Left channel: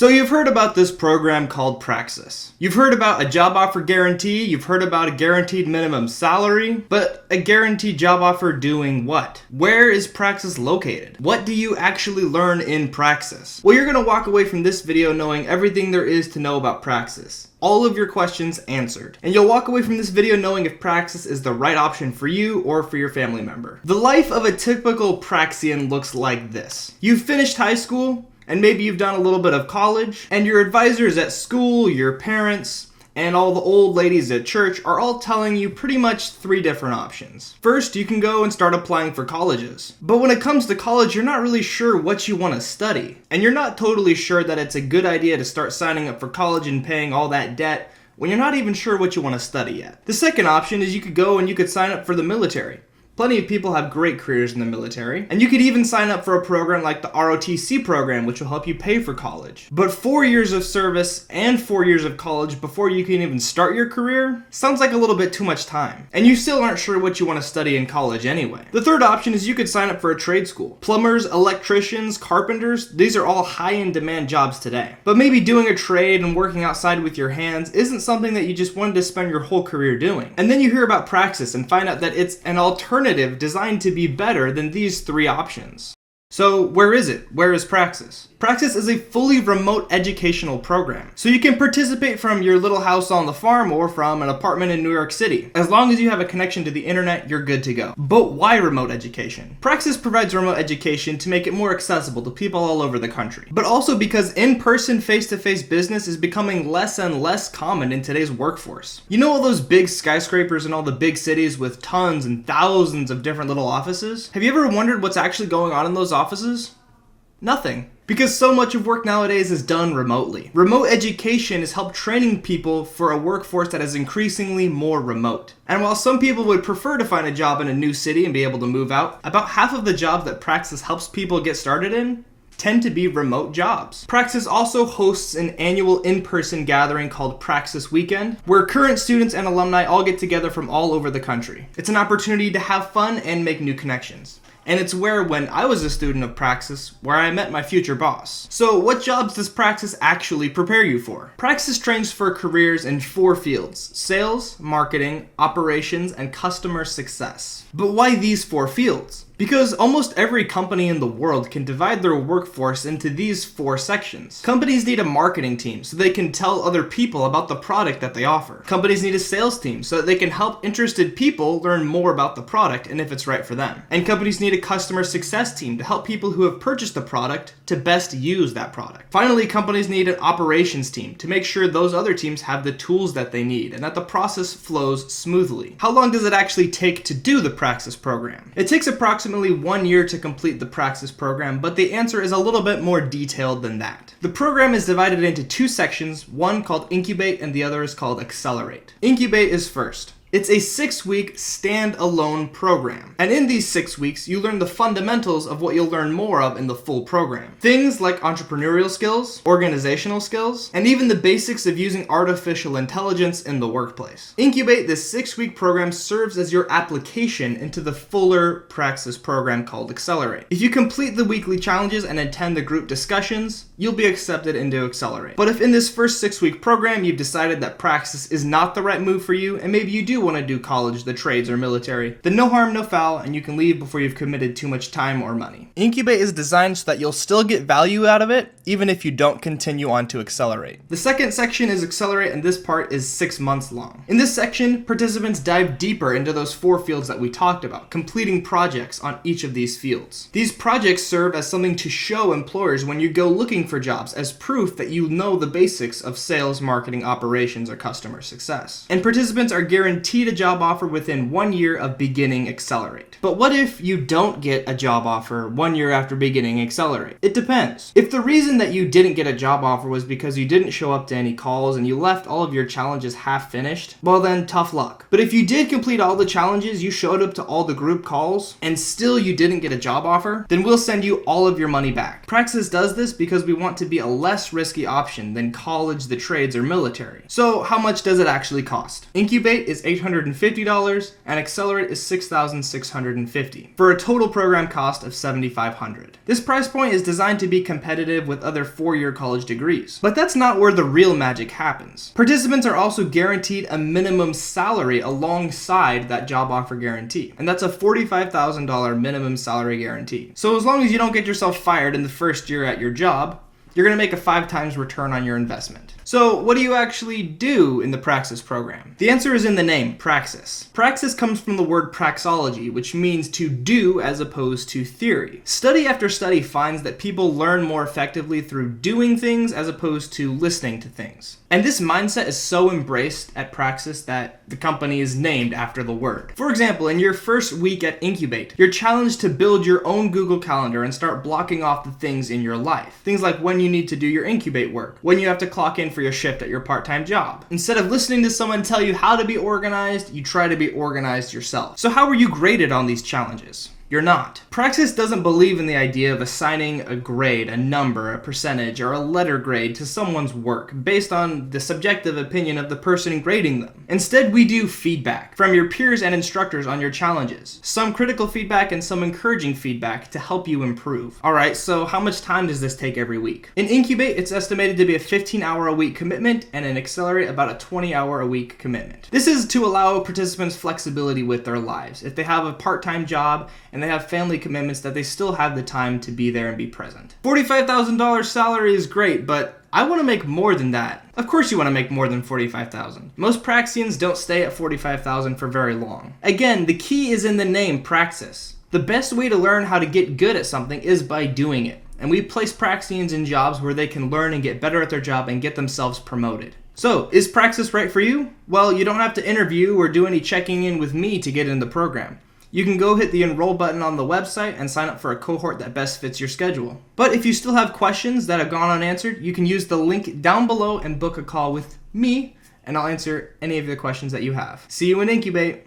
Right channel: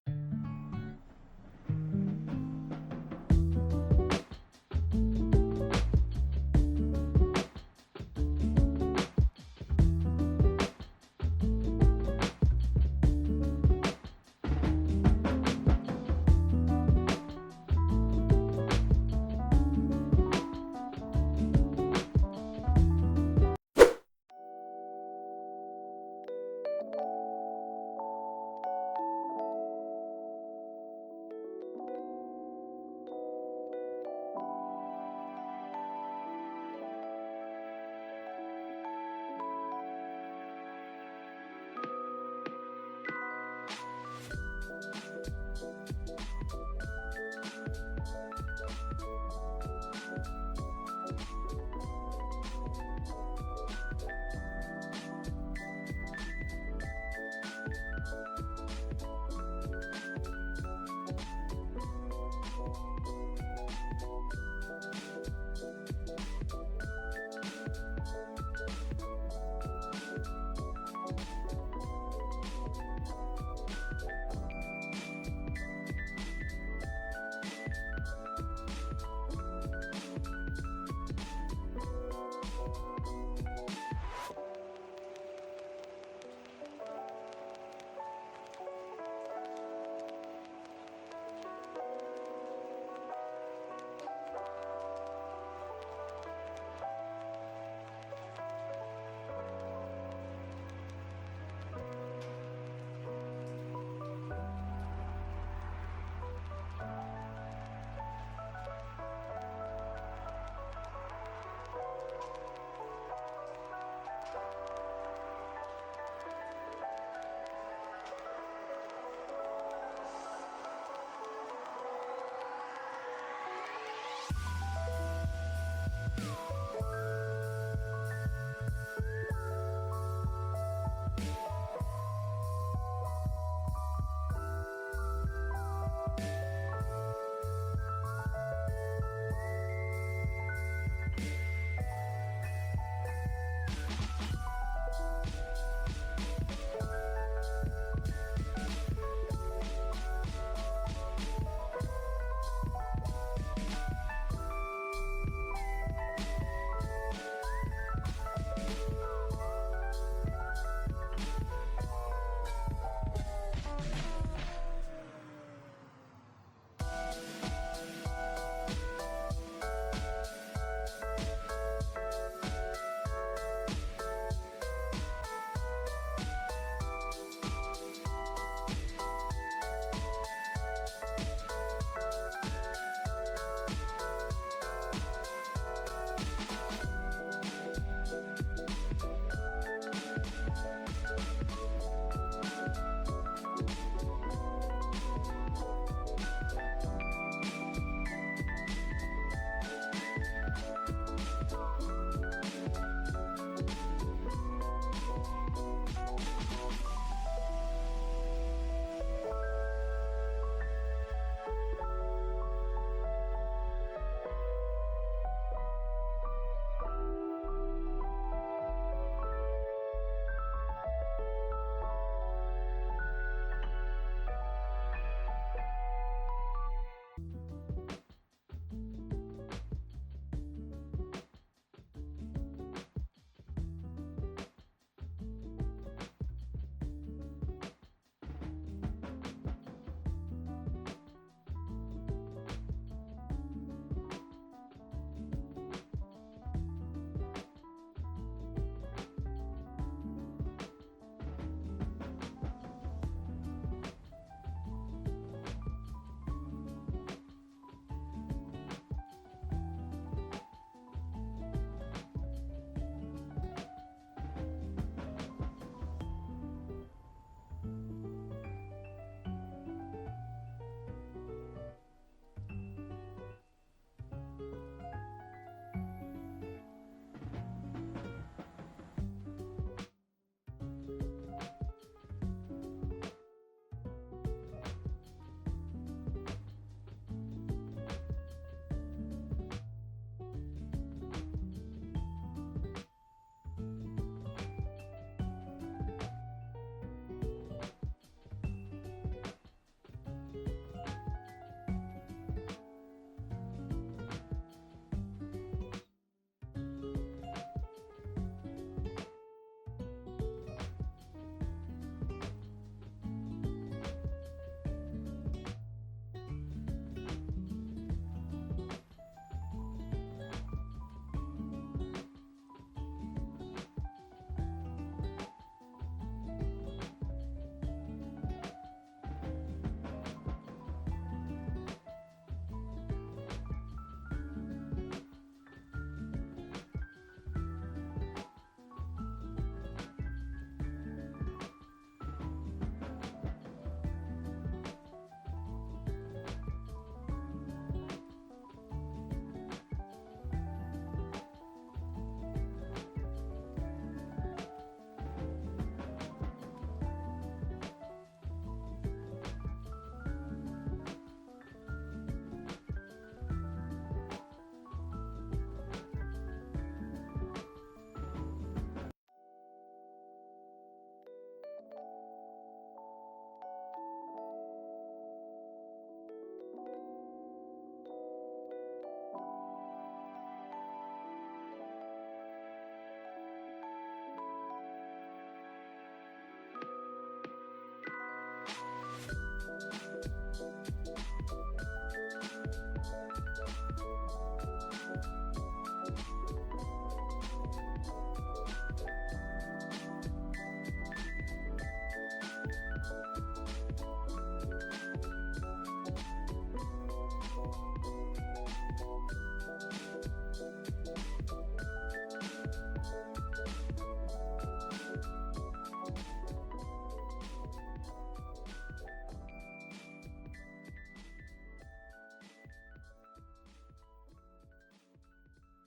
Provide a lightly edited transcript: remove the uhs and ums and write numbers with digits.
So you've heard about this program called Praxis. You've heard about a job offer guarantee, you've heard about a guaranteed minimum salary, but a guaranteed job offer doing what? Where is Praxis located? What do you actually learn in Praxis? Well, you're gonna walk away from this video knowing everything there is to know about Praxis. All of your questions answered. And you'll walk away from this video knowing if Praxis is the right option for you or for your family member. The life of a typical Praxian looks like this. You've finished high school, and maybe you've done a little bit of college, and your advisors at school, your parents, and all the old ladies at church are all telling you pretty much three different options. First, you can go and start applying for colleges. But when it comes to college, you're not really sure what you want to study. And you're not totally sure that it's a good idea to start signing up for college and paying all that debt when you're not even sure what you want to study yet. The second option is you could go and you could sign up for the military. Plenty of people have great careers in the military, and you could even sign up for a program like the ROTC program, which will help you pay for college. But 4 years of service and 4 years of college before you can even start your career sounds like a little bit too much time, and you still aren't sure what you want to study in college anyway. The third option is you could sign up for a trade school. Plumbers, electricians, carpenters, these are all high in demand jobs today. But maybe doing a trade and working outside with your hands isn't something that you just wanted to spend your whole career doing. And then you hear about Praxis and find out that it's an alternative designed to be better than these three options. So where is it? Where is Praxis? Praxis is a fully remote educational program. So you can participate from your little house on the farm or from an apartment in New York City. As long as you have a connection to the internet, you're good to go. But why remote education? Praxis provides remote education to make it more accessible to people all over the country. But also because in-person, face-to-face business is becoming less and less common in today's workforce. You know all those big skyscrapers in all the big cities with tons and thousands of different little offices? Have you ever wondered what's actually going on in those offices? Nothing. Because so much of work nowadays is done remotely. Remote education has helped training people for a workforce that is increasingly more remote. And while some people would prefer to find a job in a new city and be able to move out, about half of the jobs that Praxis helps people get started in tend to be remote jobs. Praxis also hosts an annual in-person gathering called Praxis Weekend, where current students and alumni all get together from all over the country. It's an opportunity to have fun and make new connections. And it's where, when I was a student of Praxis, where I met my future boss. So what jobs does Praxis actually prepare you for? Praxis trains for careers in 4 fields: sales, marketing, operations, and customer success. But why these 4 fields? Because almost every company in the world can divide their workforce into these 4 sections. Companies need a marketing team so they can tell other people about the product that they offer. Companies need a sales team so that they can help interested people learn more about the product and if it's right for them. And companies need a customer success team to help people who have purchased the product to best use that product. Finally, companies need an operations team to make sure those other teams have the tools that they need and that the process flows smoothly. How long does it actually take to do the Praxis program? It takes approximately 1 year to complete the Praxis program, but the answer is a little bit more detailed than that. The program is divided into 2 sections, one called Incubate and the other is called Accelerate. Incubate is first. It's a 6-week stand-alone program. And in these 6 weeks, you learn the fundamentals of what you'll learn more of in the full program. Things like entrepreneurial skills, organizational skills, and even the basics of using artificial intelligence in the workplace. Incubate, this 6-week program, serves as your application into the fuller Praxis program called Accelerate. If you complete the weekly challenges and attend the group discussions, you'll be accepted into Accelerate. But if in this first 6-week program you've decided that Praxis is not the right move for you, and maybe you do want to do college, the trades, or military, then no harm, no foul, and you can leave before you've committed too much time or money. Incubate is designed so that you'll still get value out of it, even if you don't continue on to Accelerate. The second section is Accelerate, and this part is 6 months long. In this section, participants dive deeper into those 4 fields that we talked about, completing projects on each of these fields. These projects serve as something to show employers when you go looking for jobs as proof that you know the basics of sales, marketing, operations, or customer success. And participants are guaranteed a job offer within 1 year of beginning Accelerate. But what if you don't get a job offer 1 year after beginning Accelerate? It depends. If the reason that you didn't get a job offer was because you didn't show up to any calls and you left all of your challenges half finished, well then tough luck. But if you did complete all the challenges, you showed up to all the group calls, and still you didn't get a job offer, then we'll send you all of your money back. Praxis does this because we want to be a less risky option than college, the trades, or military. So how much does it actually cost? Incubate is $850 and Accelerate is $6,650 for a total program cost of $7,500. This price point is designed to be competitive with other four-year college degrees. But that's not where the real magic happens. Participants are also guaranteed a minimum salary alongside that job offer guarantee, and that's a $45,000 minimum salary guarantee. So as long as you don't get yourself fired in the first year at your job, you're going to make a 5 times return on your investment. So what do you actually do in the Praxis program? The answer is in the name, Praxis. Praxis comes from the word praxology, which means to do as opposed to theory. Study after study finds that people learn more effectively through doing things as opposed to listening to things. And this mindset is so embraced at Praxis that the company is named after the word. For example, in your first week at Incubate, you're challenged to build your own Google Calendar and start blocking off the things in your life. Things like when you need to do your Incubate work, when you have to clock in for your shift at your part-time job. Instead of listening to someone tell you how to be organized, you try to be organized yourself. So how were you graded on these challenges? You're not. Praxis doesn't believe in the idea of assigning a grade, a number, a percentage, or a letter grade to someone's work based on the subjective opinion of the person grading them. Instead, we do feedback from your peers and instructors on your challenges. Some critical feedback and some encouraging feedback to help you improve. Alright, so how much time does this take every week? In Incubate, it's estimated to be a 15-hour-a-week commitment, and in Accelerate, about a 20-hour-a-week commitment. This is to allow participants flexibility with their lives. If they have a part-time job and they have family commitments, that they still have the time to be there and be present. $45,000 salary is great, but I want to make more than that. Of course you want to make more than $45,000. Most Praxians don't stay at $45,000 for very long. Again, the key is in the name Praxis. The best way to learn how to get good at something is by doing it. And we place Praxians in jobs where they can learn and get better at their job and get themselves promoted. So, is Praxis right for you? Well, you don't have to interview or do any checking in with me to get in the program. You can go hit the enroll button on the website and sign up for a cohort that best fits your schedule. But if you still have questions that have gone unanswered, you can use the link down below and book a call with me, and I'll answer any of the questions that you have. See you in Incubate!